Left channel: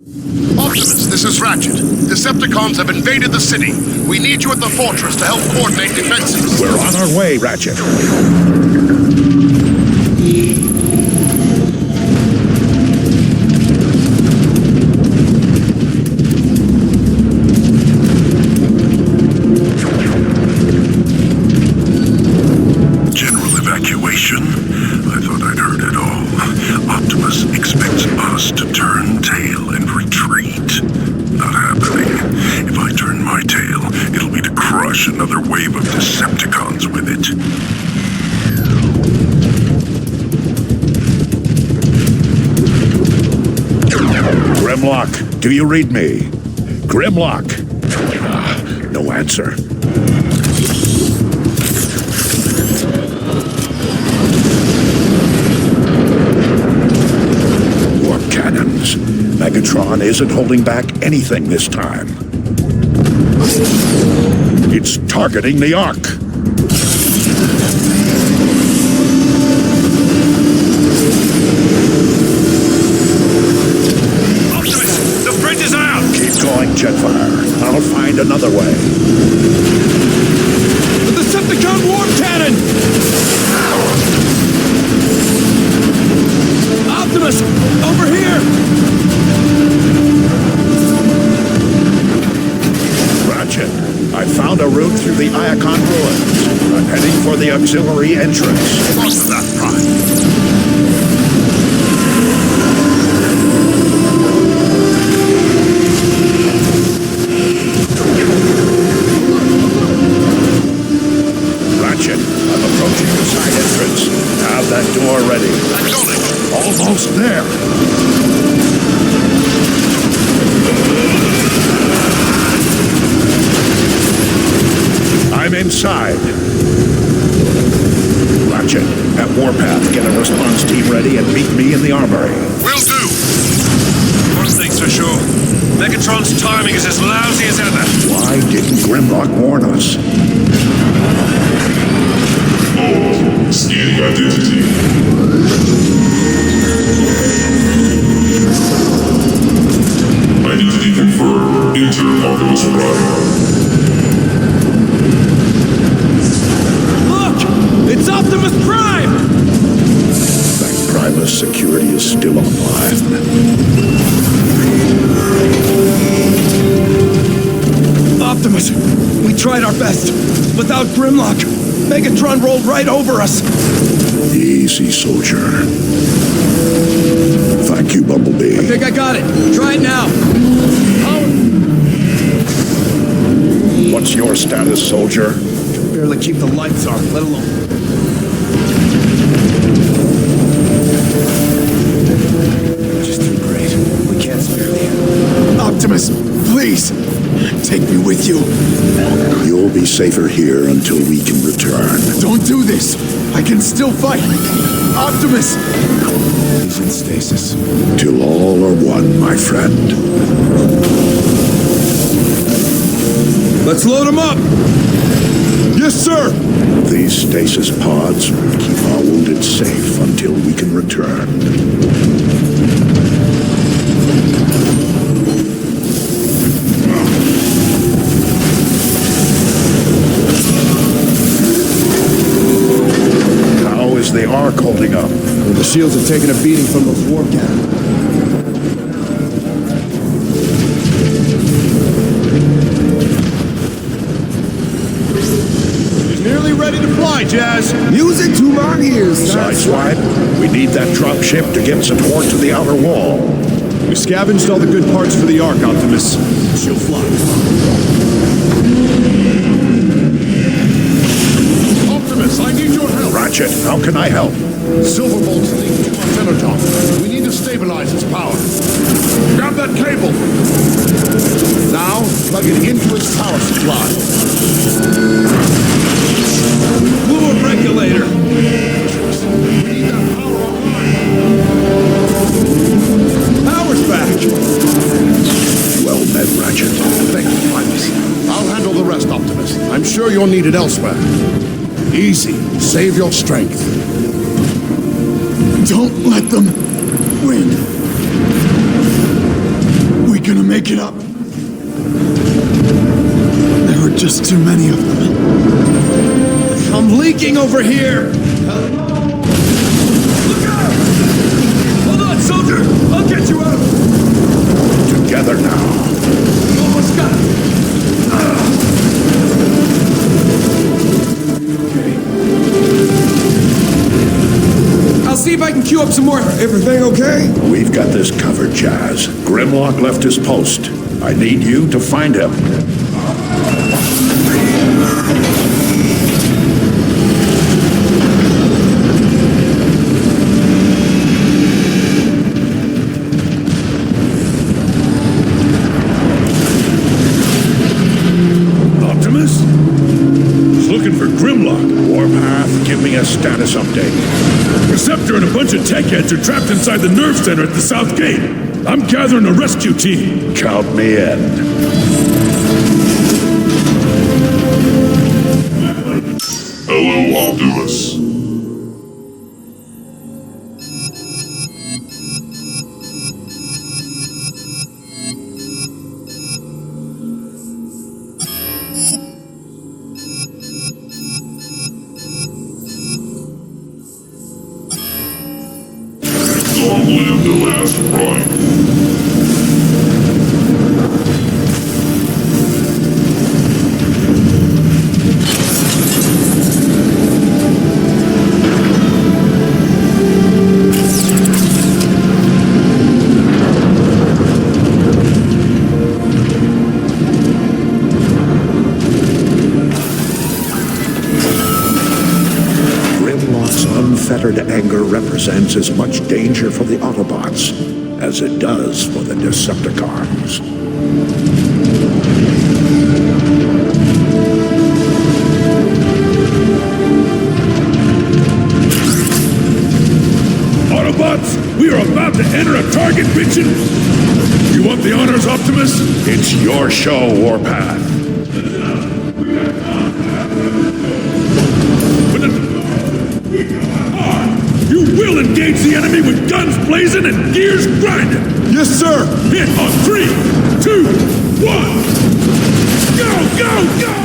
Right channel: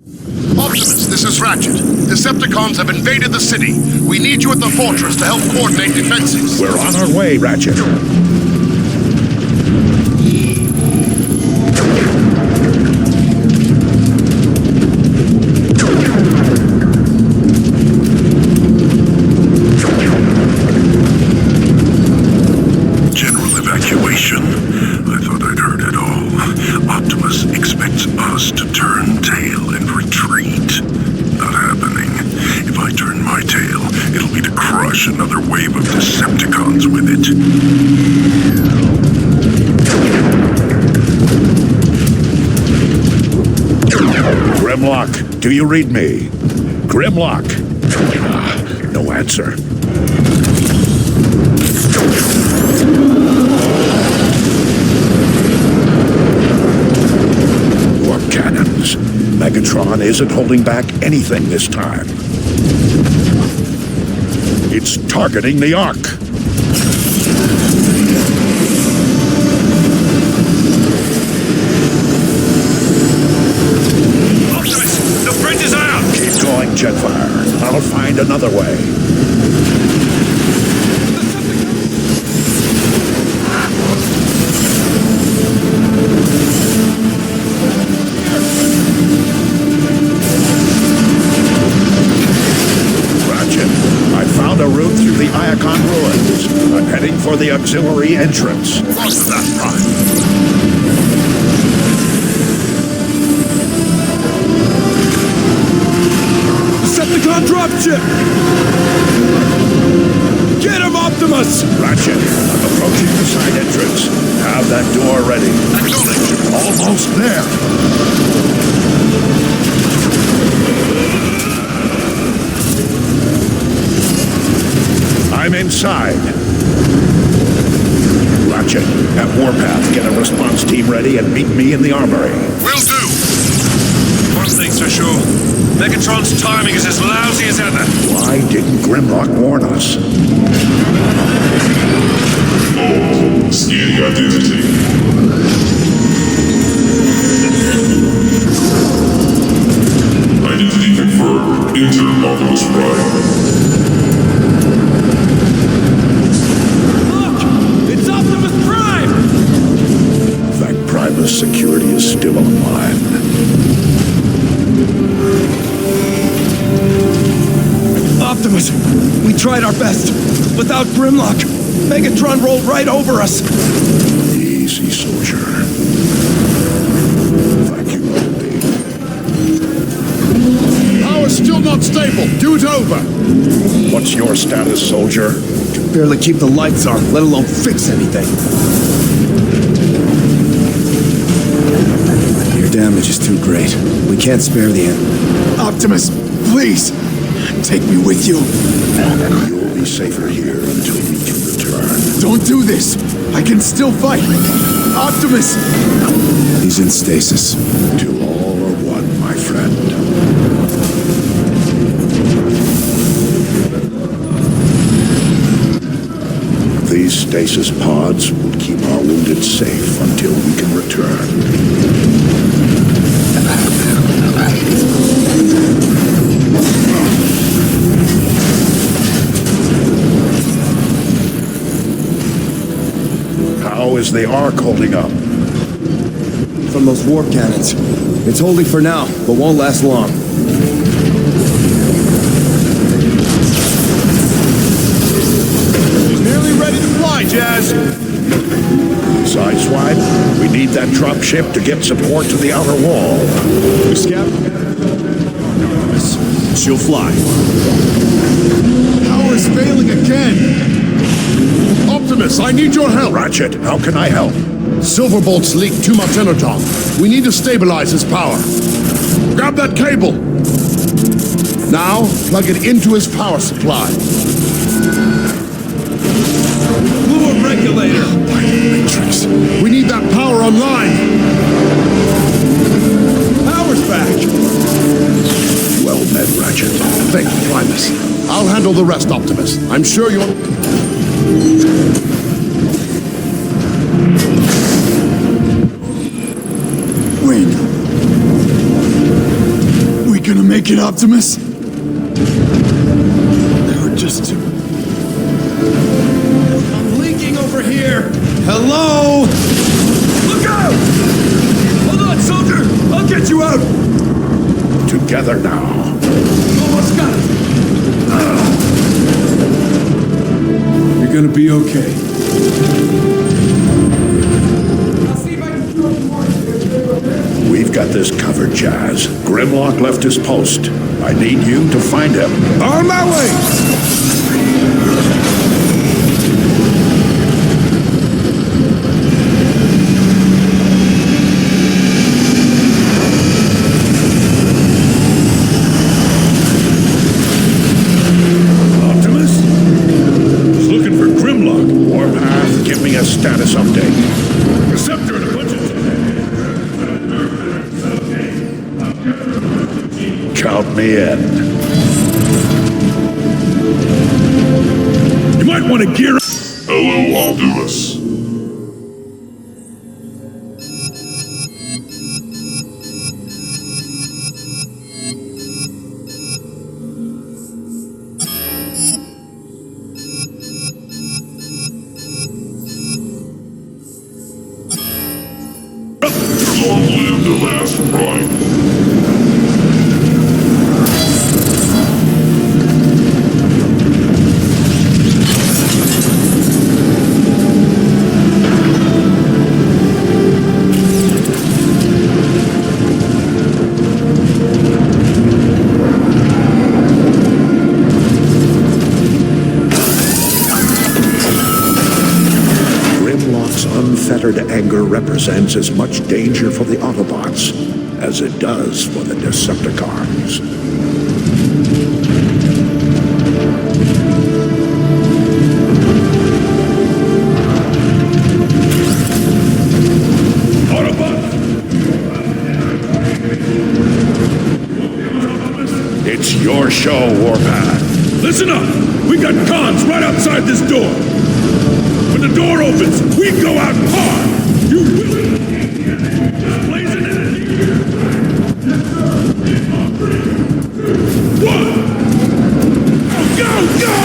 Optimus, this is Ratchet. Decepticons have invaded the city. We need you at the fortress to help coordinate defenses. We're on our way, Ratchet. General evacuation. I thought I'd heard it all. Optimus expects us to turn tail and retreat. Not happening. If I turn my tail, it'll be to crush another wave of Decepticons with it. Grimlock, do you read me? Grimlock. No answer. Warp cannons. Megatron isn't holding back anything this time. It's targeting the Ark. Optimus, the bridge is out! Keep going, Jetfire. I'll find another way. The Decepticon warp cannon! Optimus, over here! Ratchet, I found a route through the Iacon ruins. I'm heading for the auxiliary entrance. Lost of that, Prime. Decepticon dropship! Get him, Optimus! Ratchet, I'm approaching the side entrance. Have that door ready. Acknowledged. Almost there. I'm inside. Ratchet, at Warpath, get a response team ready and meet me in the armory. Will do. One thing's for sure. Megatron's timing is as lousy as ever. Why didn't Grimlock warn us? Scanning identity. Identity confirmed. Enter Optimus Prime. Look! It's Optimus Prime! Thank Primus security is still online. Optimus, we tried our best. Without Grimlock, Megatron rolled right over us. Easy, soldier. Thank you, Bumblebee. I think I got it. Try it now. Power's still not stable. Due's over. What's your status, soldier? Barely keep the lights on, let alone fix anything. Your damage is too great. We can't spare the end. Optimus, please! Take me with you. You'll be safer here until we can return. Don't do this! I can still fight! Optimus! He's in stasis. Till all are one, my friend. Let's load him up! Yes, sir! These stasis pods will keep our wounded safe until we can return. How is the Ark holding up? The shields have taken a beating from those warp cannons. It's holding for now, but won't last long. He's nearly ready to fly, Jazz! Music to our ears! Sideswipe, we need that drop ship to get support to the outer wall. We scavenged all the good parts for the Ark, Optimus. She'll fly. Power's failing again! Optimus, I need your help. Ratchet, how can I help? Silverbolt's leaked too much energon. We need to stabilize his power. Grab that cable. Now, plug it into his power supply. Blew a regulator! Matrix. We need that power online. Power's back! Well met, Ratchet. Thank you, Primus. I'll handle the rest, Optimus. I'm sure you'll need it elsewhere. Easy. Save your strength. Don't let them win. gonna make it, Optimus? There were just too many of them. I'm leaking over here! Hello? Look out! Hold on, soldier! I'll get you out! Together now. Almost got him! You're gonna be okay. I'll see if I can queue up some more. Everything okay? We've got this covered, Jazz. Grimlock left his post. I need you to find him. On my way! Optimus? He's looking for Grimlock. Warpath, give me a status update. Receptor and a bunch of tech heads are trapped inside the nerve center at the south gate. I'm gathering a rescue team. Count me in. You might want to gear up. Hello, Optimus. Long live the last Prime. Grimlock's unfettered anger represents as much danger for the Autobots as it does for the Decepticons. Autobots, we are about to enter a target mission. You want the honors, Optimus? It's your show, Warpath. Listen up. We got cons right outside this door. When the door opens, we go out hard. You will engage the enemy with guns blazing and gears grinding. Yes, sir! Hit on 3, 2, 1. Go, go, go!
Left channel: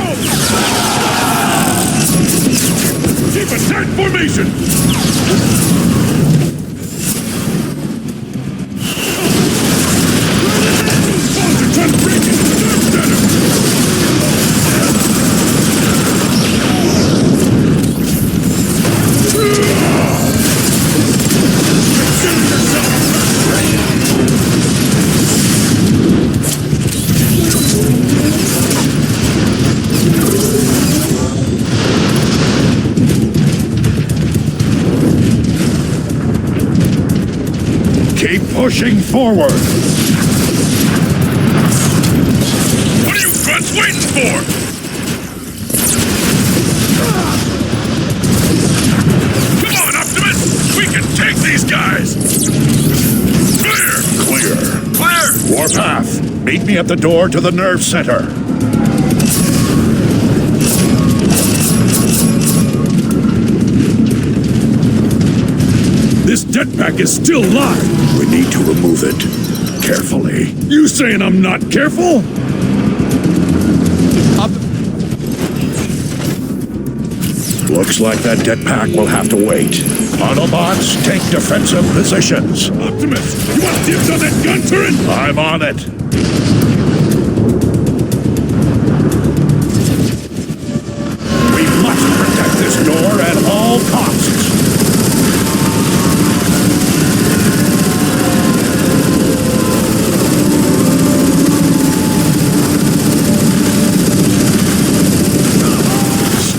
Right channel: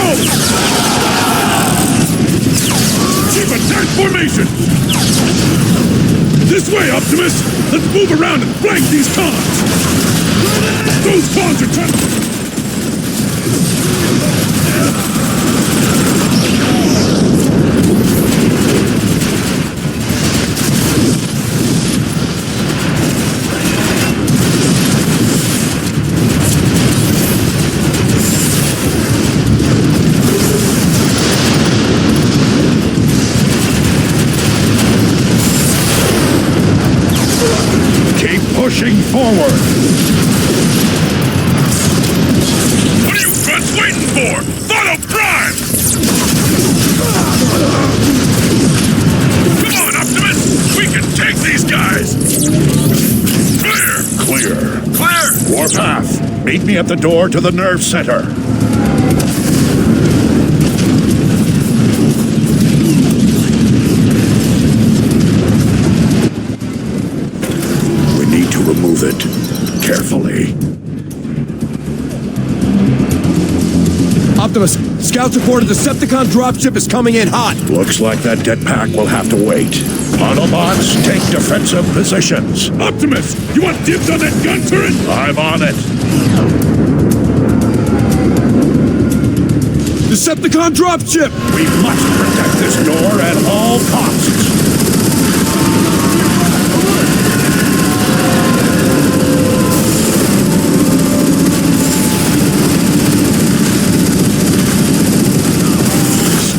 Keep attack formation. This way, Optimus. Let's move around and flank these cons. Those cons are trying to break in. Keep pushing forward. What are you grunts waiting for? Follow Prime! Come on, Optimus! We can take these guys! Clear! Clear. Warpath, meet me at the door to the nerve center. This jetpack is still locked. We need to remove it. Carefully. You saying I'm not careful? Optimus, scouts report a Decepticon dropship is coming in hot. Looks like that jetpack will have to wait. Autobots, take defensive positions. Optimus, you want dibs on that gun turret? I'm on it. Decepticon dropship! We must protect this door at all costs.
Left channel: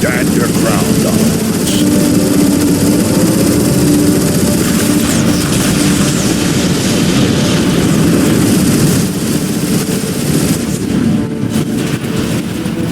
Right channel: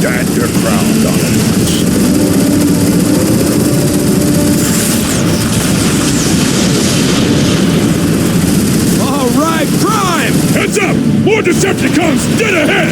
Stand your ground, Autobots. All right, Prime! Heads up! More Decepticons dead ahead!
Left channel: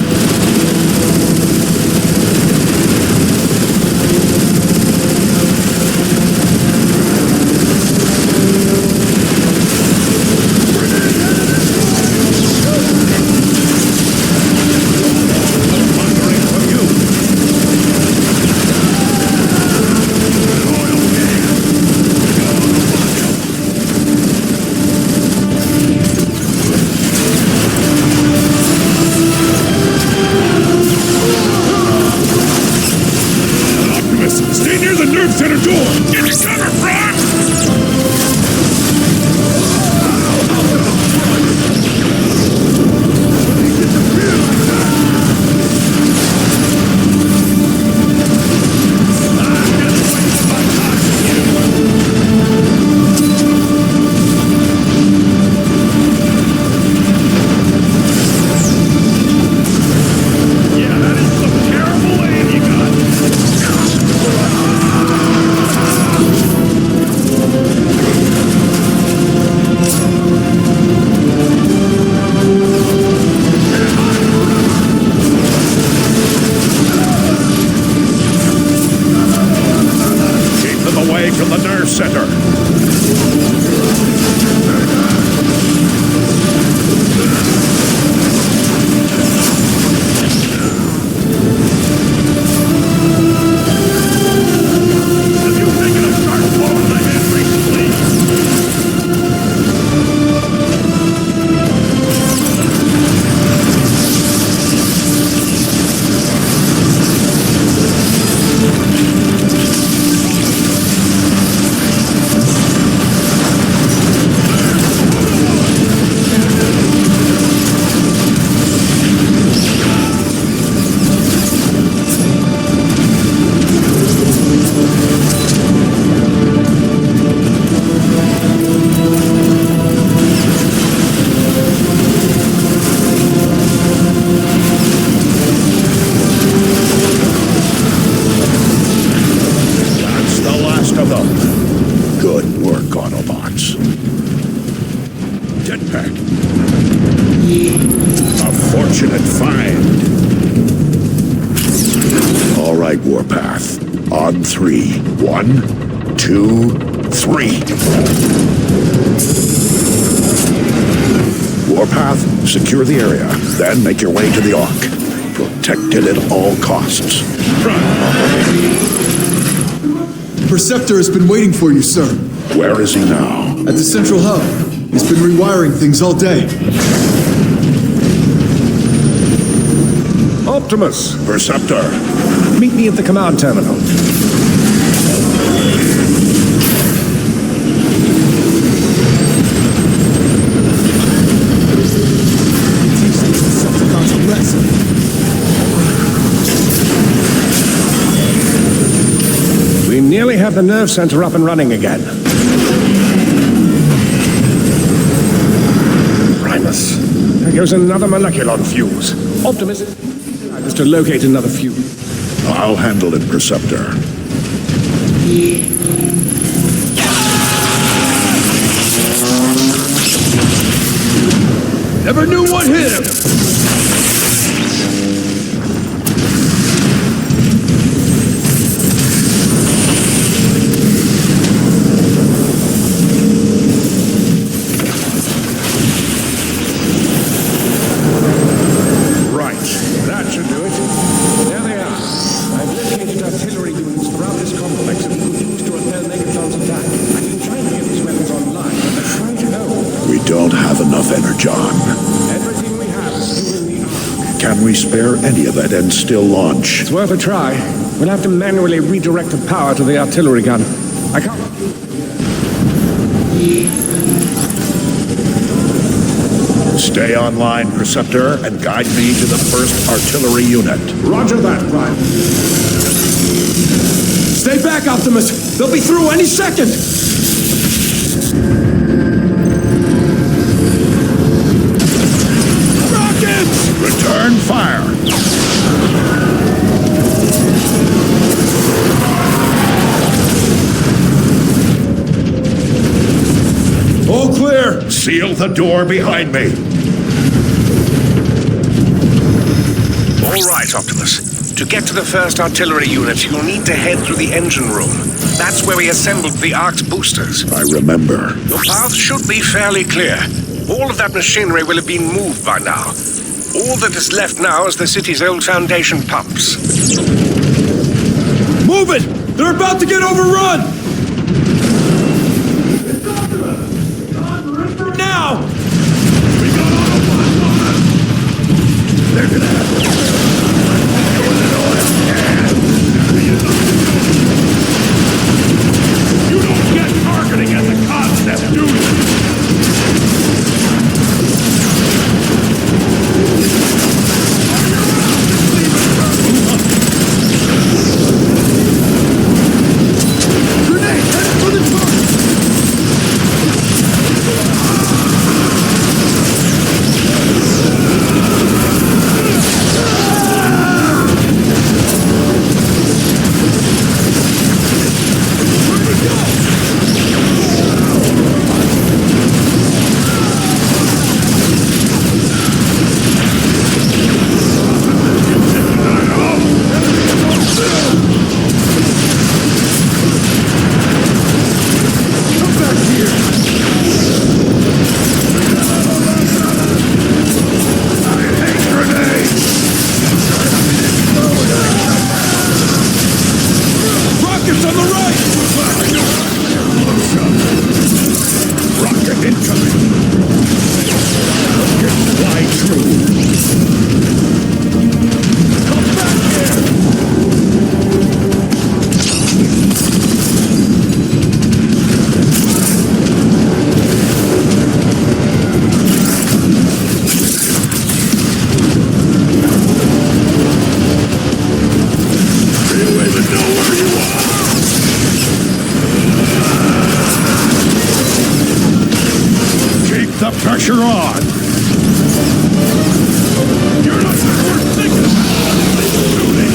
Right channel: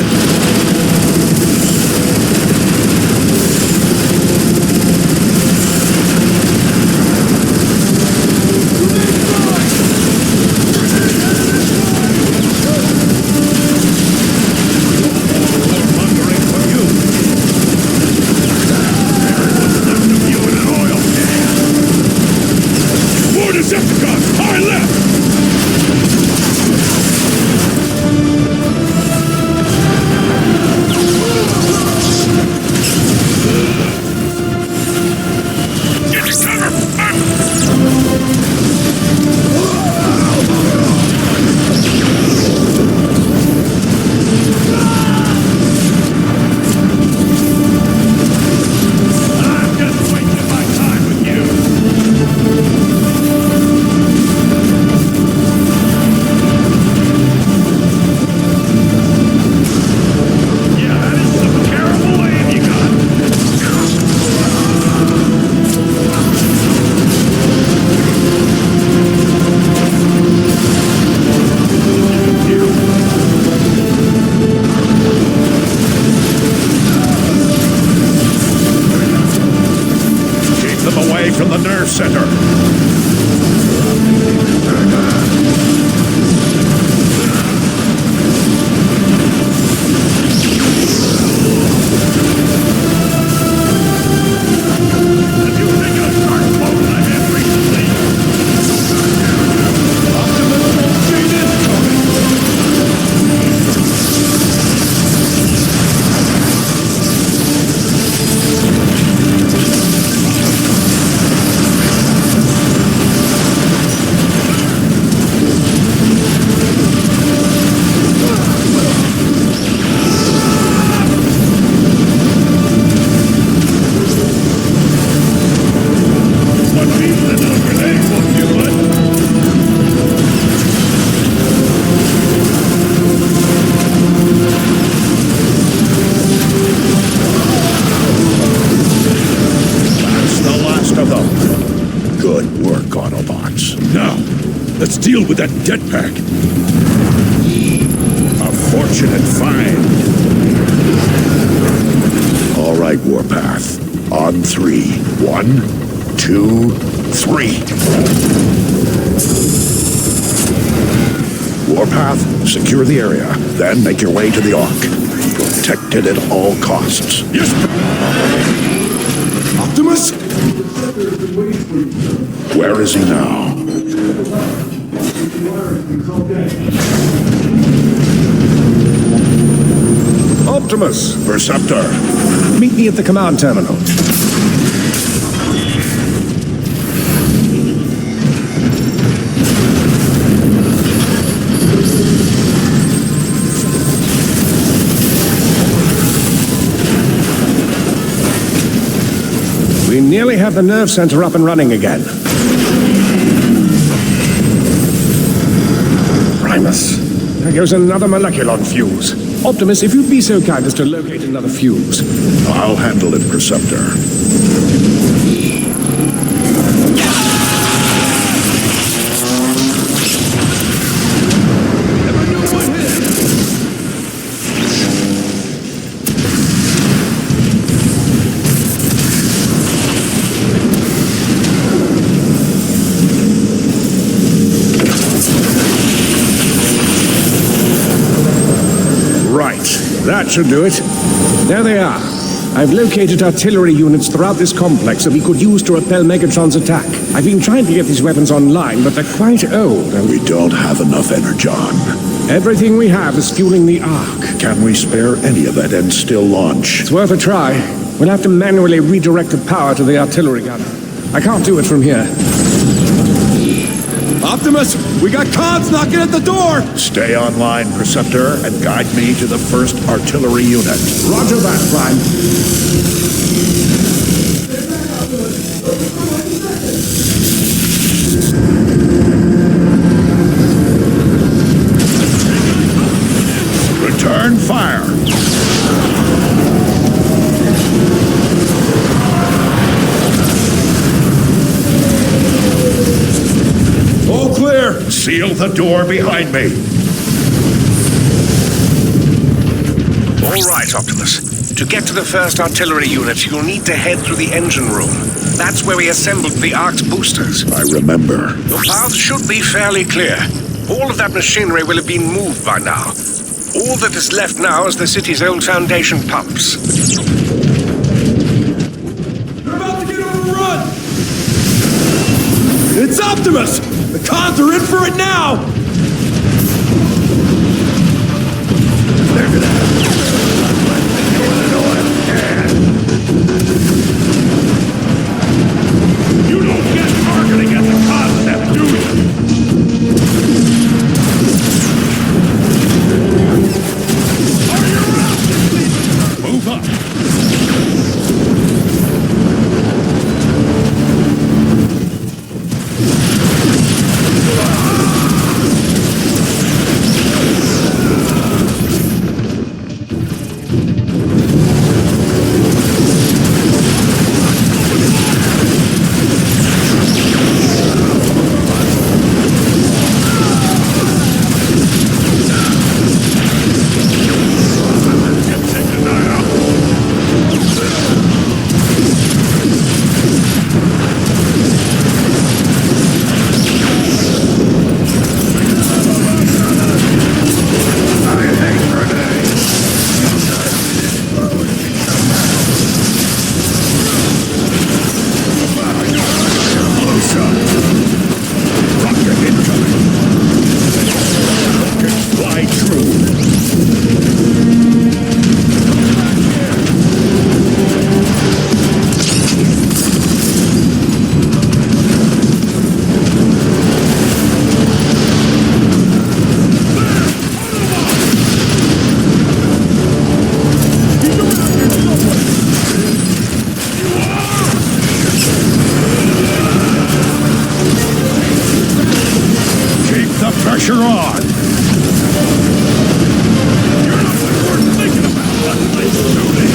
on the nerve center. Have you taken a sharp blow to the head recently? Good work, Autobots. Now, let's deal with that jetpack. A fortunate find. All right, Warpath. On 3. 1, 2, 3. Warpath, secure the area. Then make your way to the Ark. Protect it at all costs. Optimus? Perceptor has been waiting for you, sir. Where is he now? At the central hub. He's been rewiring things all day. Optimus, Perceptor. meet me at the command terminal. We nearly have the nerve center up and running again. Primus, there goes another moleculon fuse. Optimus, if you'd be so kind as to locate another fuse. I'll handle it, Perceptor. Never knew what hit him. That should do it. There they are. I've located artillery units throughout this complex that we could use to repel Megatron's attack. I've been trying to get these weapons online, but they're quite old. We don't have enough energon. Everything we have is fueling the Ark. Can we spare any of it and still launch? It's worth a try. We'll have to manually redirect the power to the artillery gun. I can't do it from here. Optimus, we got comms knocking at the door! Stay online, Perceptor, and guide me to the first artillery unit. Roger that, Prime. Stay back, Optimus! They'll be through any second! Return fire! All clear! Seal the door behind me. All right, Optimus. To get to the first artillery unit, you'll need to head through the engine room. That's where we assembled the Ark's boosters. I remember. Your path should be fairly clear. All of that machinery will have been moved by now. All that is left now is the city's old foundation pumps. Move it! They're about to get overrun! It's Optimus! The cons are in for it now! They're gonna have to You don't get targeting as a concept, do you? Move up. my true. Keep the pressure on. You're not worth thinking about. Let's do this.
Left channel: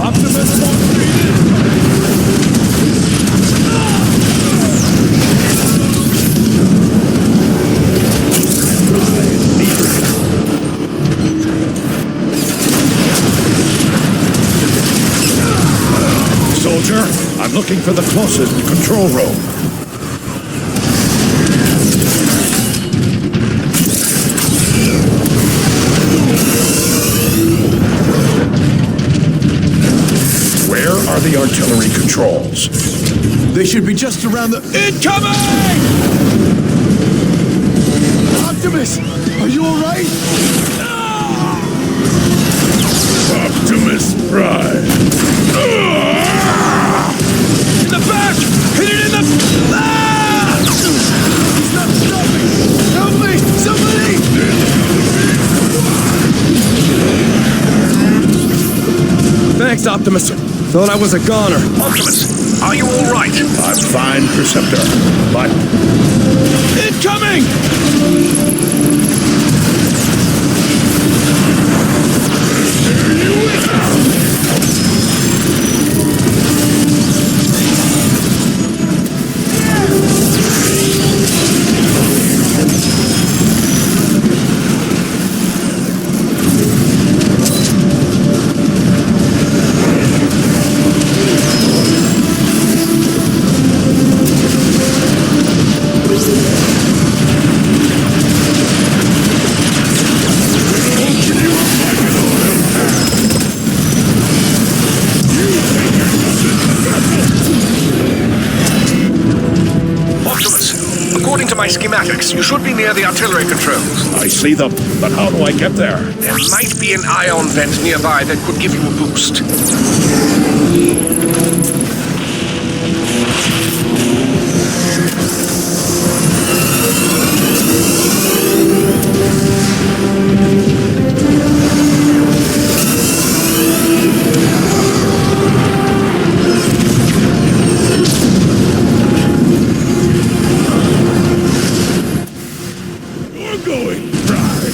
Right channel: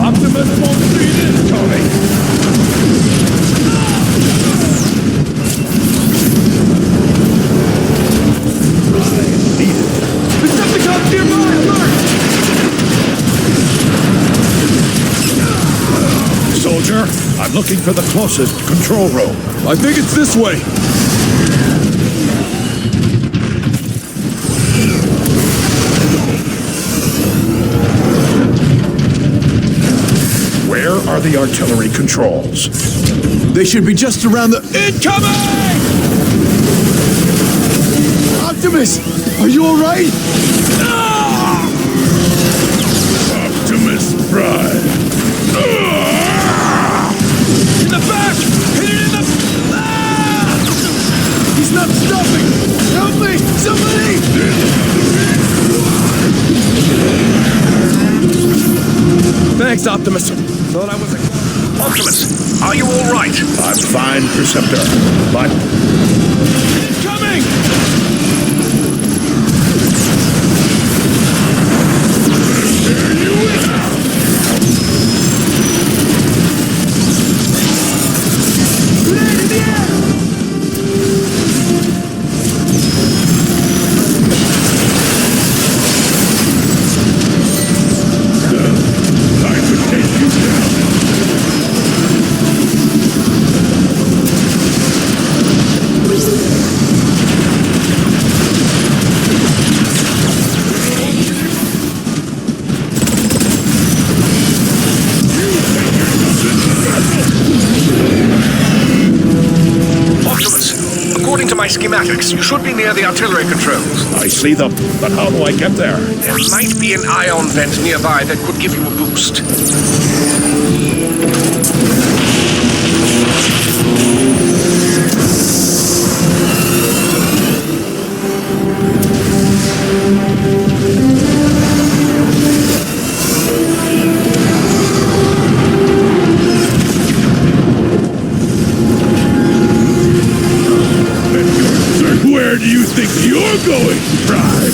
Optimus won't see this coming. Soldier, I'm looking for the closest control room. I think it's this way. Where are the artillery controls? They should be just around the... Incoming! Optimus! Are you alright? Optimus Prime. In the back! Hit it in the... Ah! He's not stopping! Help me! Somebody! Thanks, Optimus. Thought I was a goner. Optimus, are you all right? I'm fine, Perceptor, but Incoming! According to my schematics, you should be near the artillery controls. I see them. But how do I get there? There might be an ion vent nearby that could give you a boost. Where do you think you're going, Prime?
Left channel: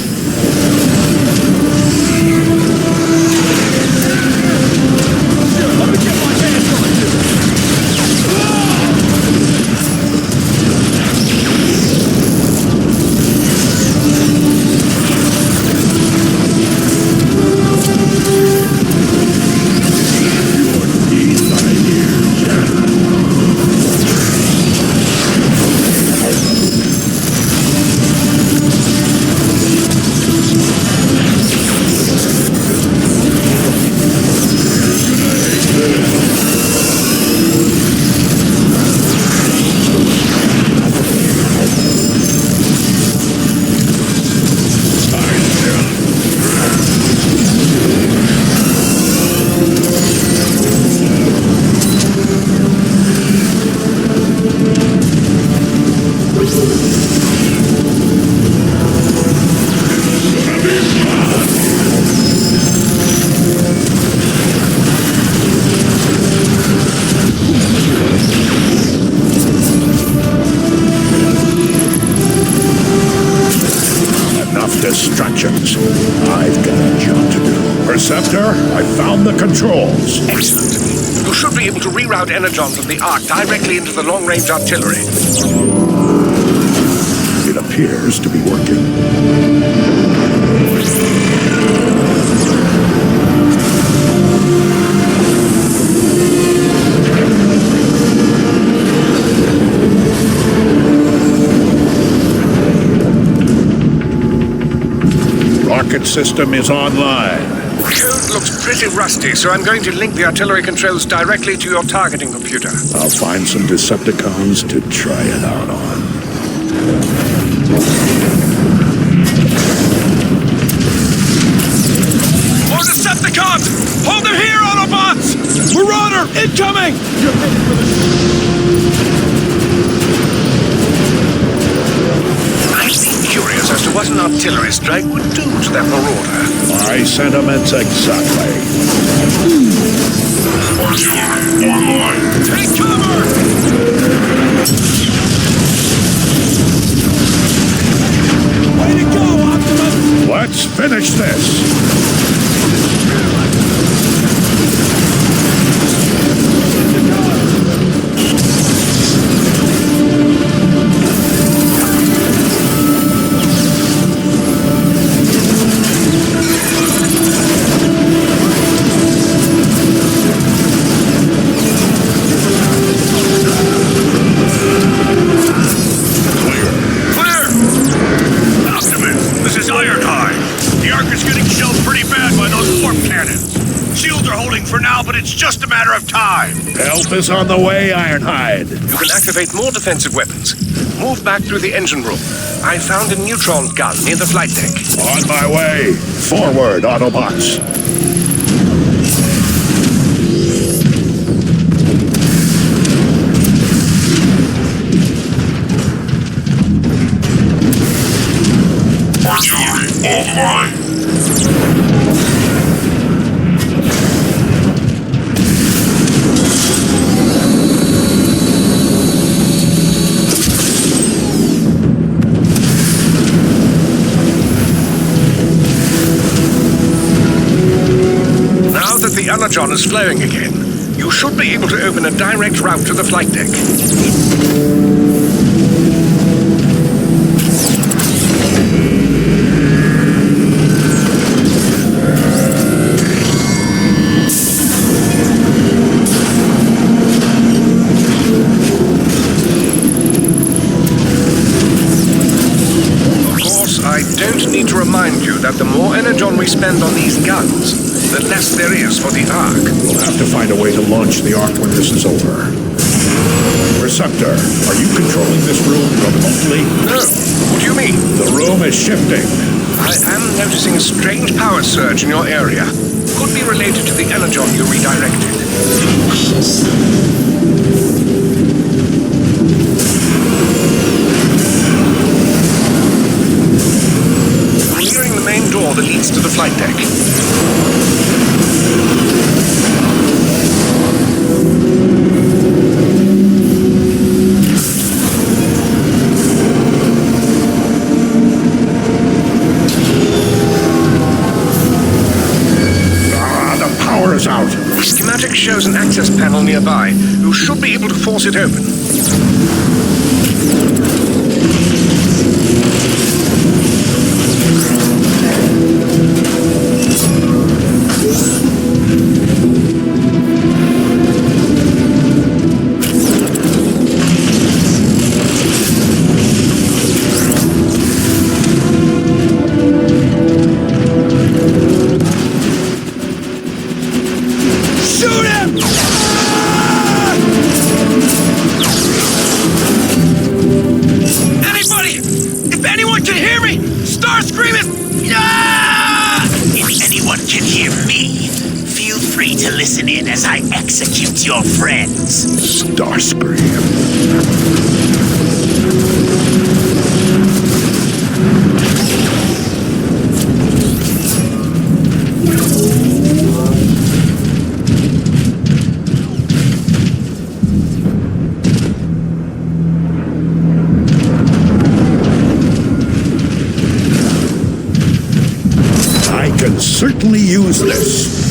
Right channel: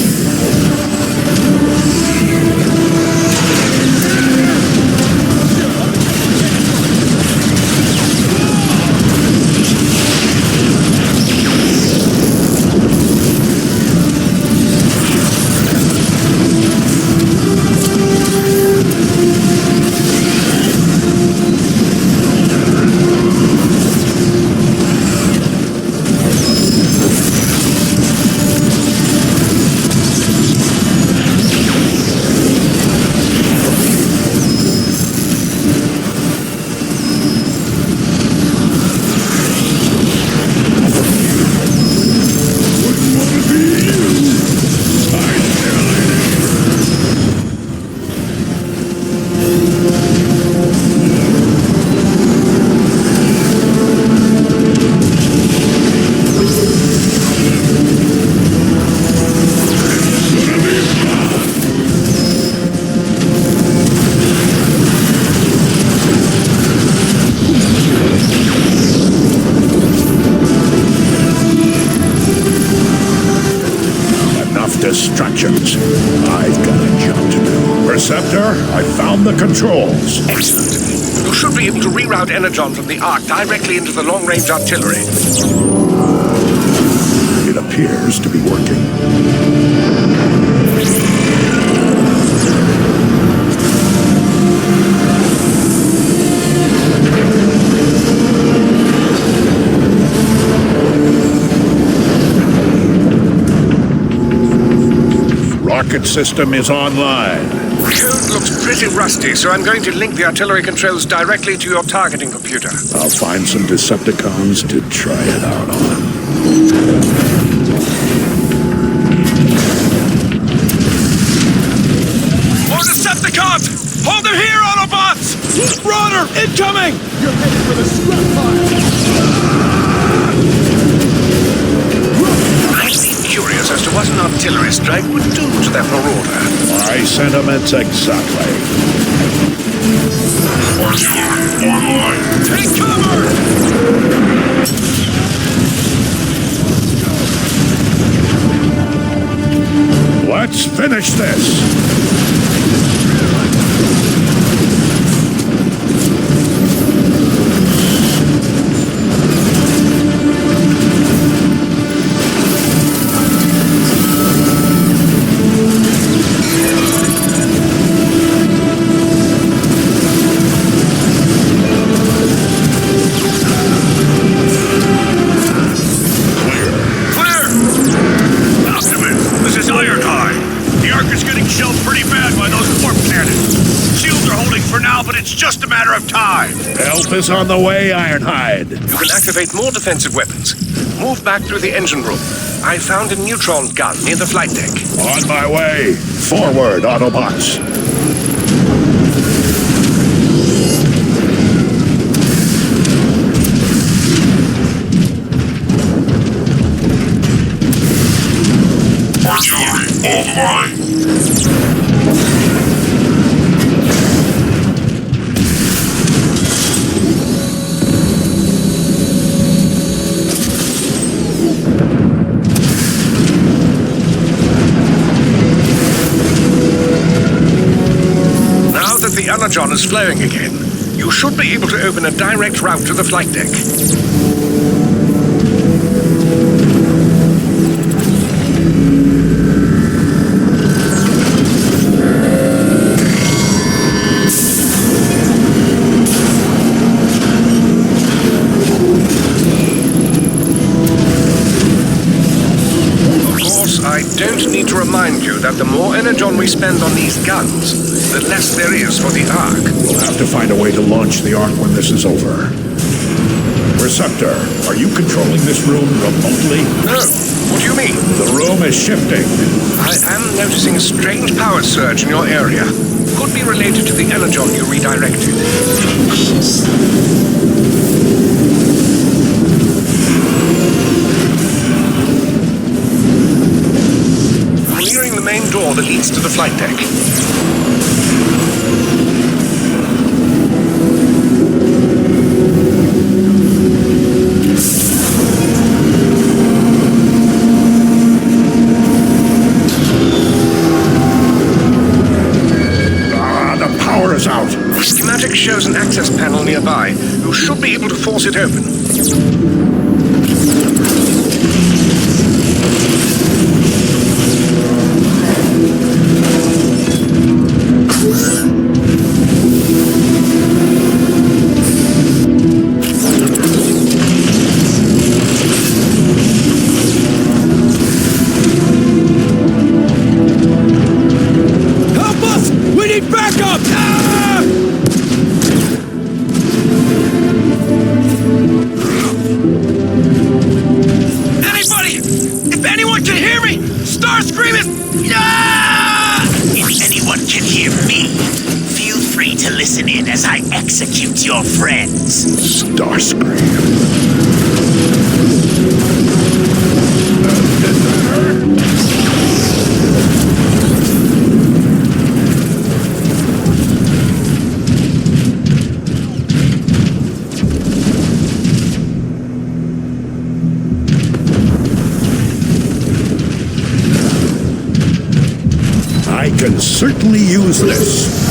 Distractions. I've got a job to do. Perceptor, I found the controls. Excellent. You should be able to reroute energon from the Ark directly into the long-range artillery. It It appears to be working. Rocket system is online. Code looks pretty rusty, so I'm going to link the artillery controls directly to your targeting computer. I'll find some Decepticons to try it out on. More Decepticons! Hold them here, Autobots! Marauder, incoming! You're headed for the strip line. I've been curious as to what an artillery strike would do to that marauder. My sentiments exactly. Artillery online. Take cover! Let's finish this! It's just a matter of time. Help is on the way, Ironhide. You can activate more defensive weapons. Move back through the engine room. I found a neutron gun near the flight deck. On my way. Forward, Autobots. Artillery online. The energon is flowing again. You should be able to open a direct route to the flight deck. Of course, I don't need to remind you that the more energon we spend on these guns, the less there is for the Ark. We'll have to find a way to launch the Ark when this is over. Receptor, are you controlling this room remotely? No. What do you mean? The room is shifting. I am noticing a strange power surge in your area. Could be related to the energon you redirected. I'm nearing the main door that leads to the flight deck. Is out. The schematic shows an access panel nearby. You should be able to force it open. Execute your friends. Starscream. I can certainly use this.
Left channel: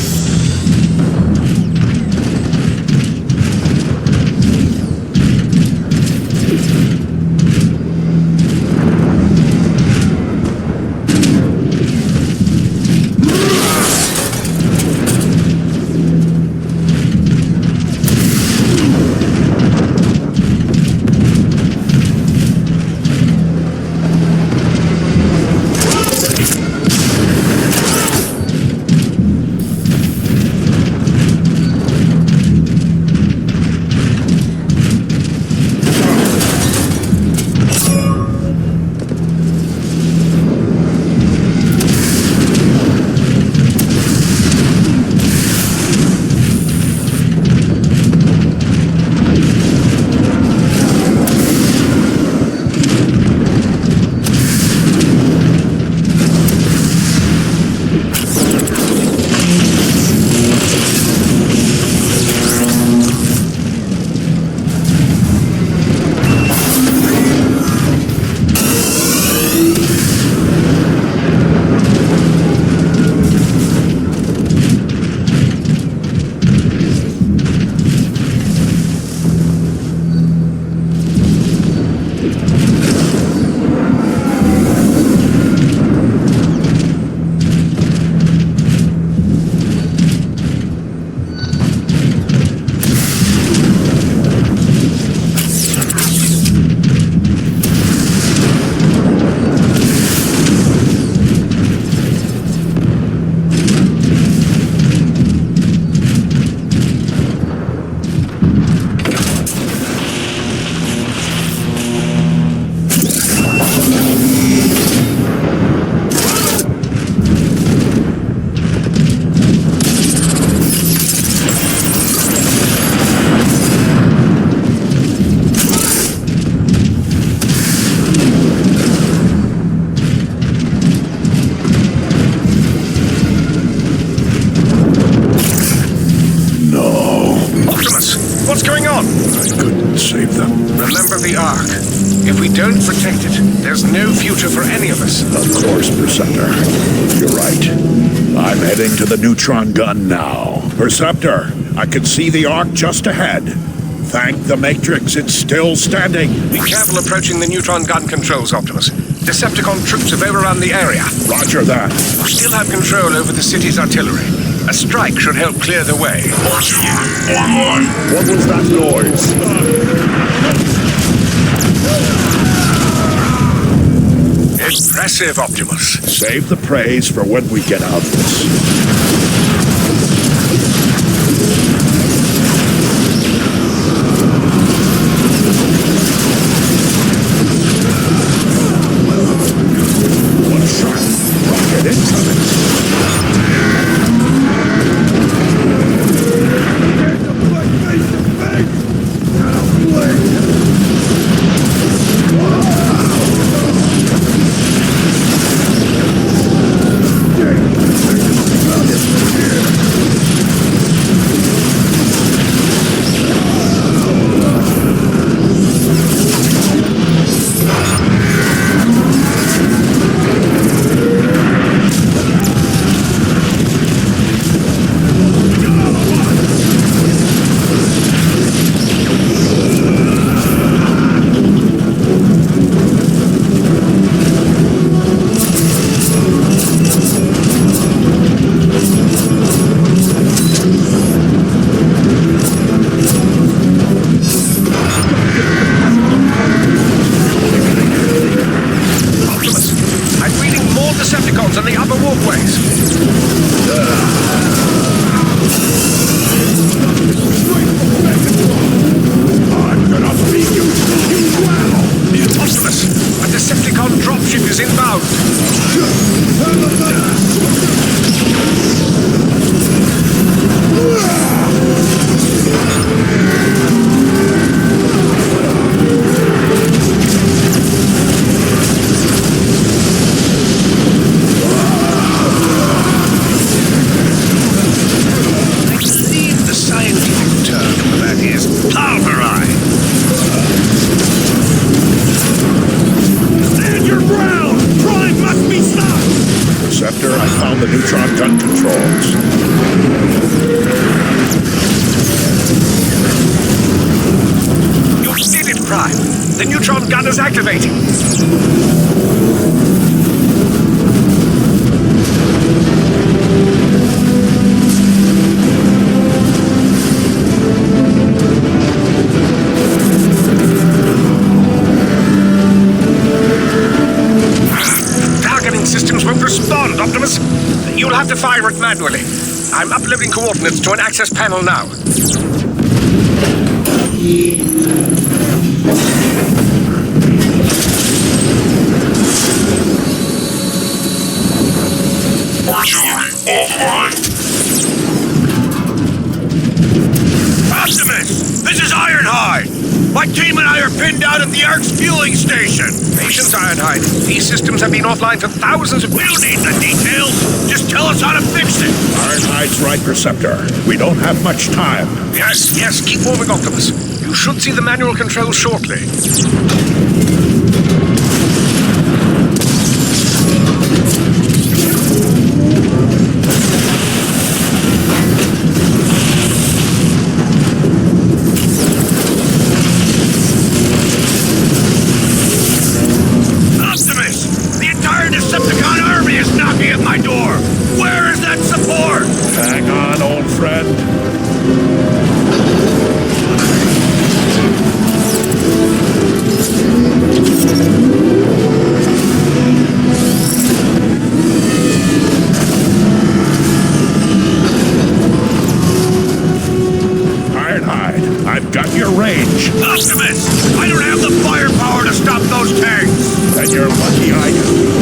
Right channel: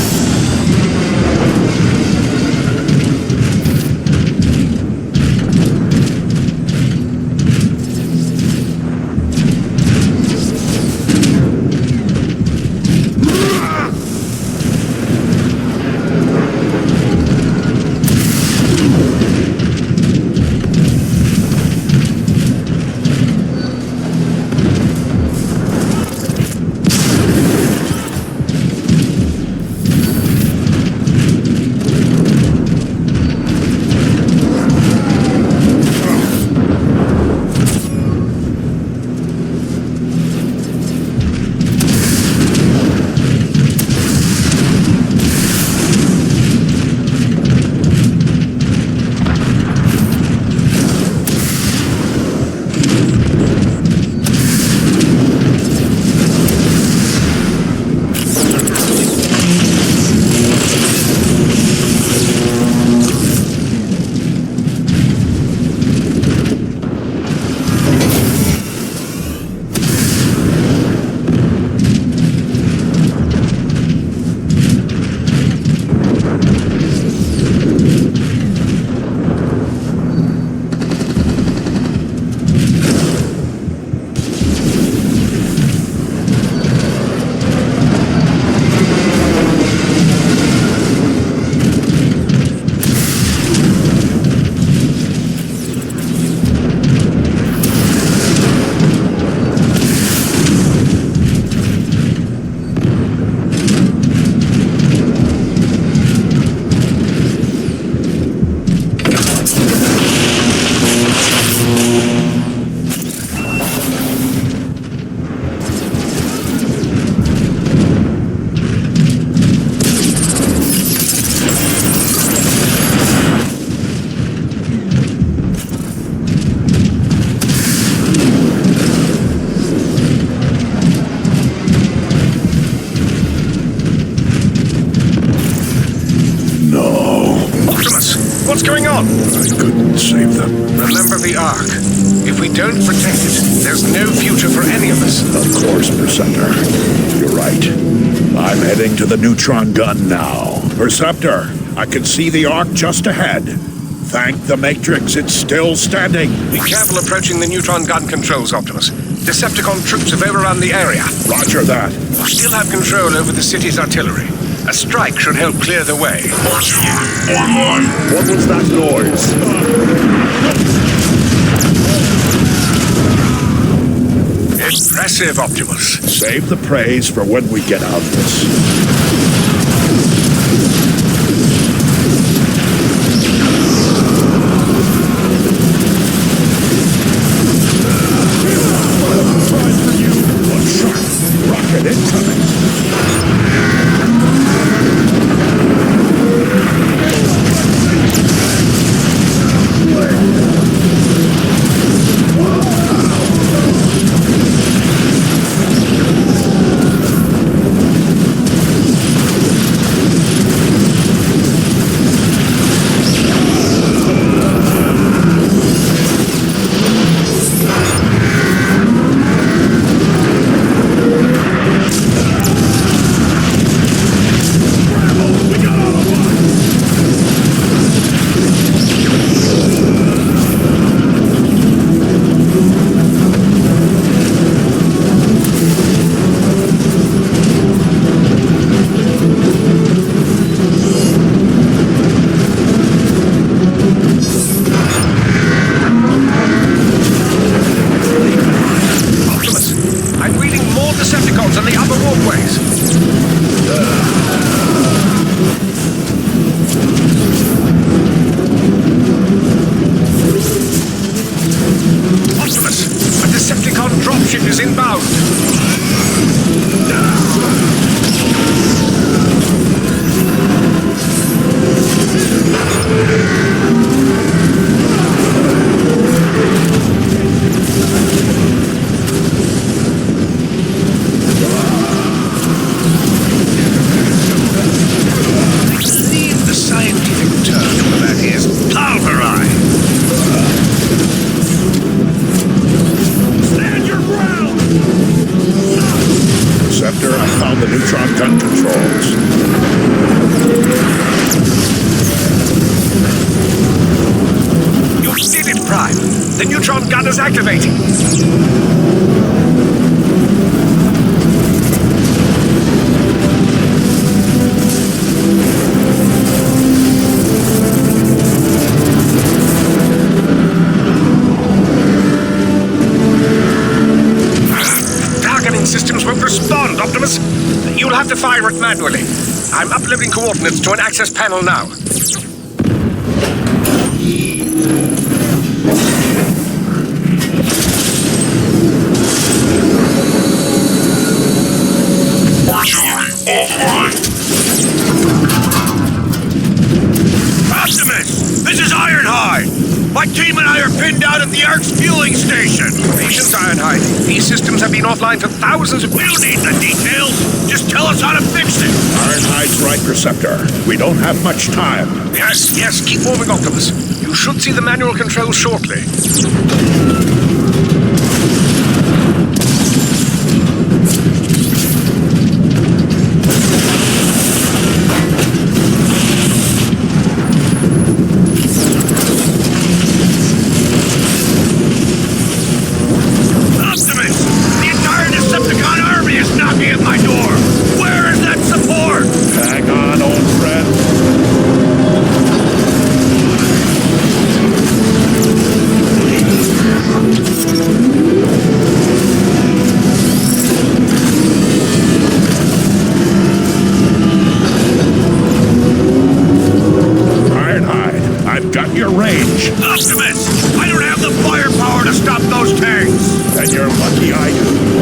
them. Remember the Ark. If we don't protect it, there's no future for any of us. Of course, Perceptor. You're right. I'm heading to the neutron gun now. Perceptor, I can see the Ark just ahead. Thank the Matrix, it's still standing. Be careful approaching the neutron gun controls, Optimus. Decepticon troops have overrun the area. Roger that. We still have control over the city's artillery. A strike should help clear the way. Artillery online. What was that noise? Impressive, Optimus. Save the praise for when we get out of this. The neutron gun controls. You did it, Prime. The neutron gun is activating. Targeting systems won't respond, Optimus. You'll have to fire it manually. I'm uploading coordinates to an access panel now. Artillery offline. Optimus! This is Ironhide! My team and I are pinned down at the Ark's fueling station! Patience, Ironhide. These systems have been offline for thousands of... We'll need the details! Just tell us how to fix it! Ironhide's right, Perceptor. We don't have much time. Yes, keep moving, Optimus. You should see the manual controls shortly. Hang on, old friend. Ironhide, I've got your range. Optimus! I don't have the firepower to stop those tanks! Then you're lucky I do.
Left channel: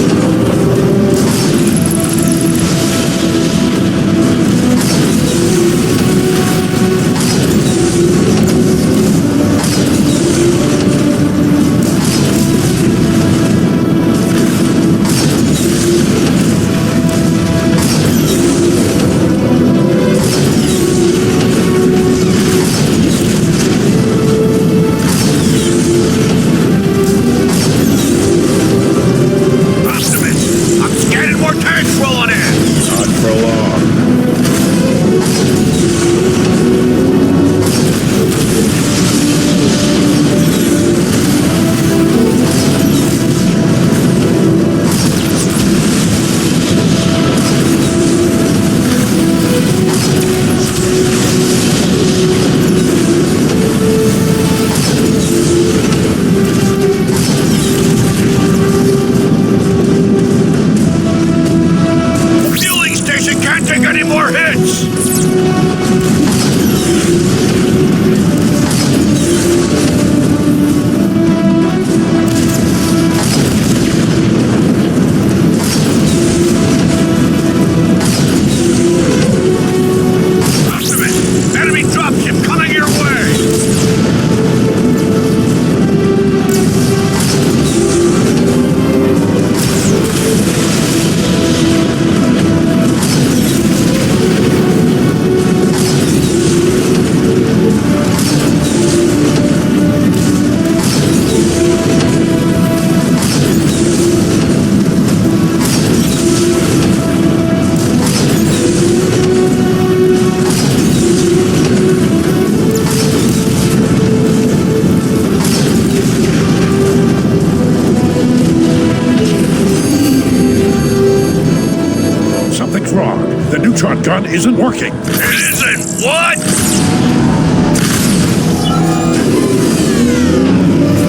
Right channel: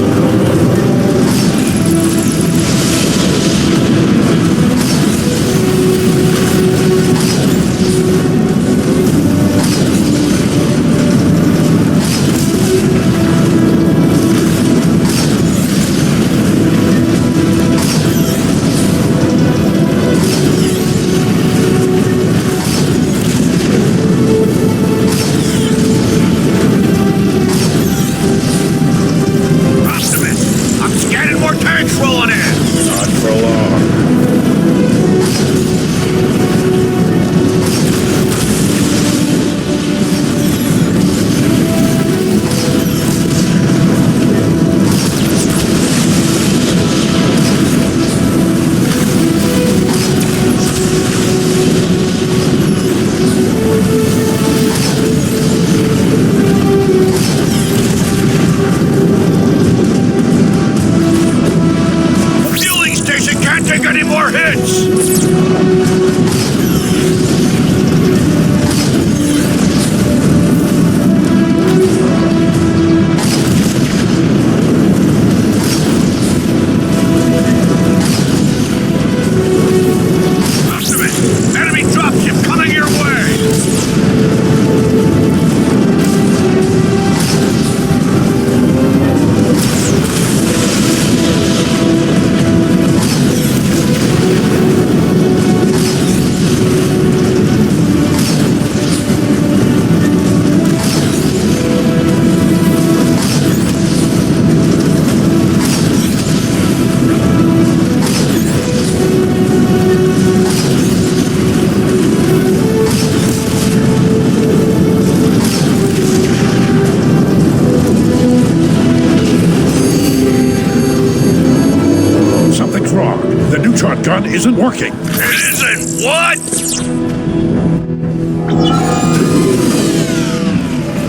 neutron gun isn't working. It isn't what?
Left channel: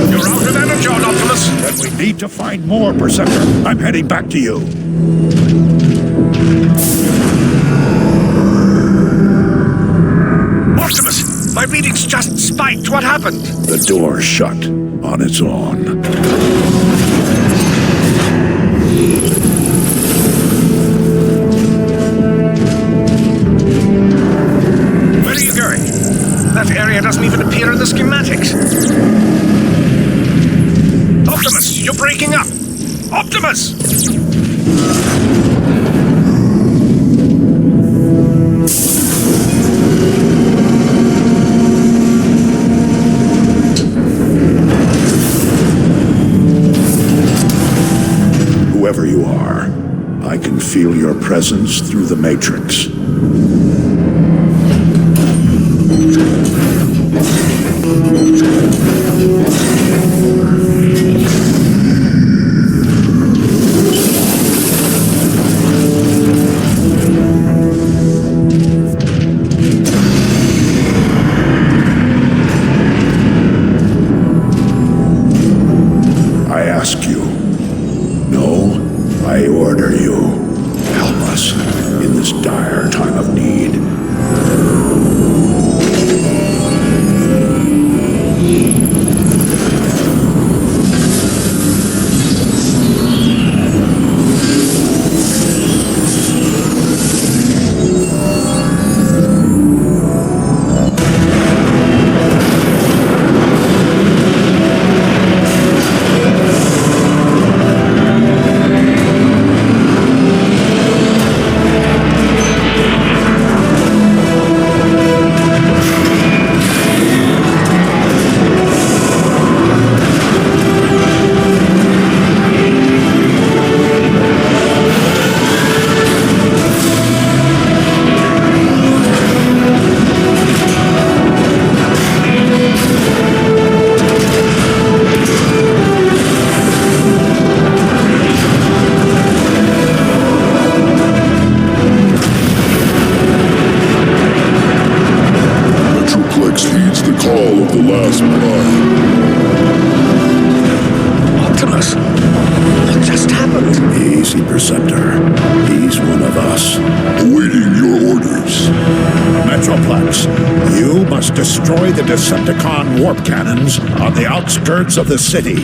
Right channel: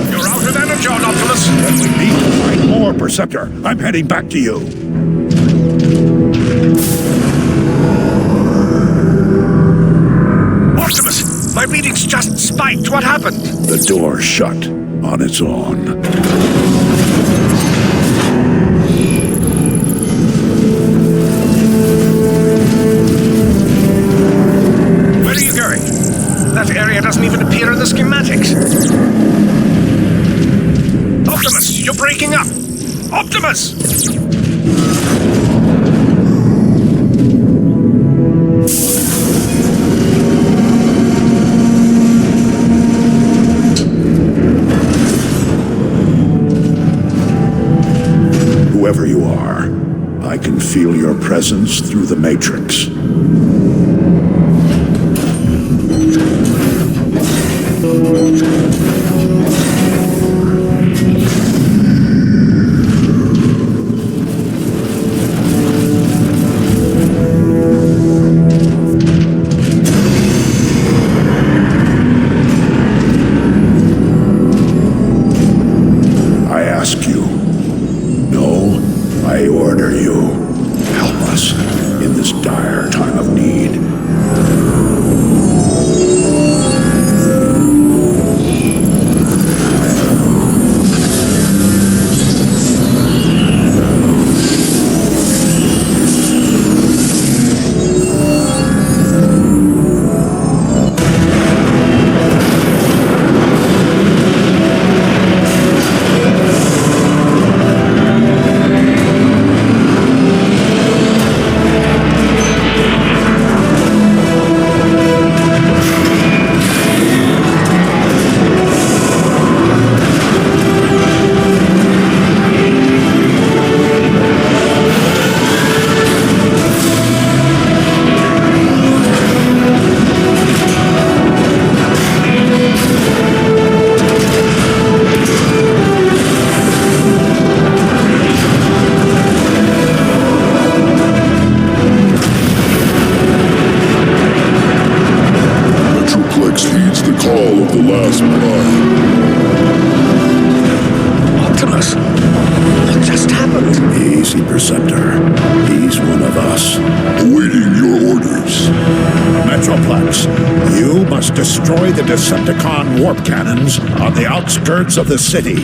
You're out of energon, Optimus. Then we need to find more, Perceptor. I'm heading back to you. Optimus, my readings just spiked. What happened? The door shut on its own. Where are you going? That area doesn't even appear in the schematics. Optimus, you're breaking up! Optimus! Whoever you are, I can feel your presence through the Matrix. I ask you. No, I order you. Help us in this dire time of need. Metroplex heeds the call of the last blood. Optimus, what just happened? Easy, Perceptor. He's one of us. Awaiting your orders. Metroplex, you must destroy the Decepticon warp cannons on the outskirts of the city.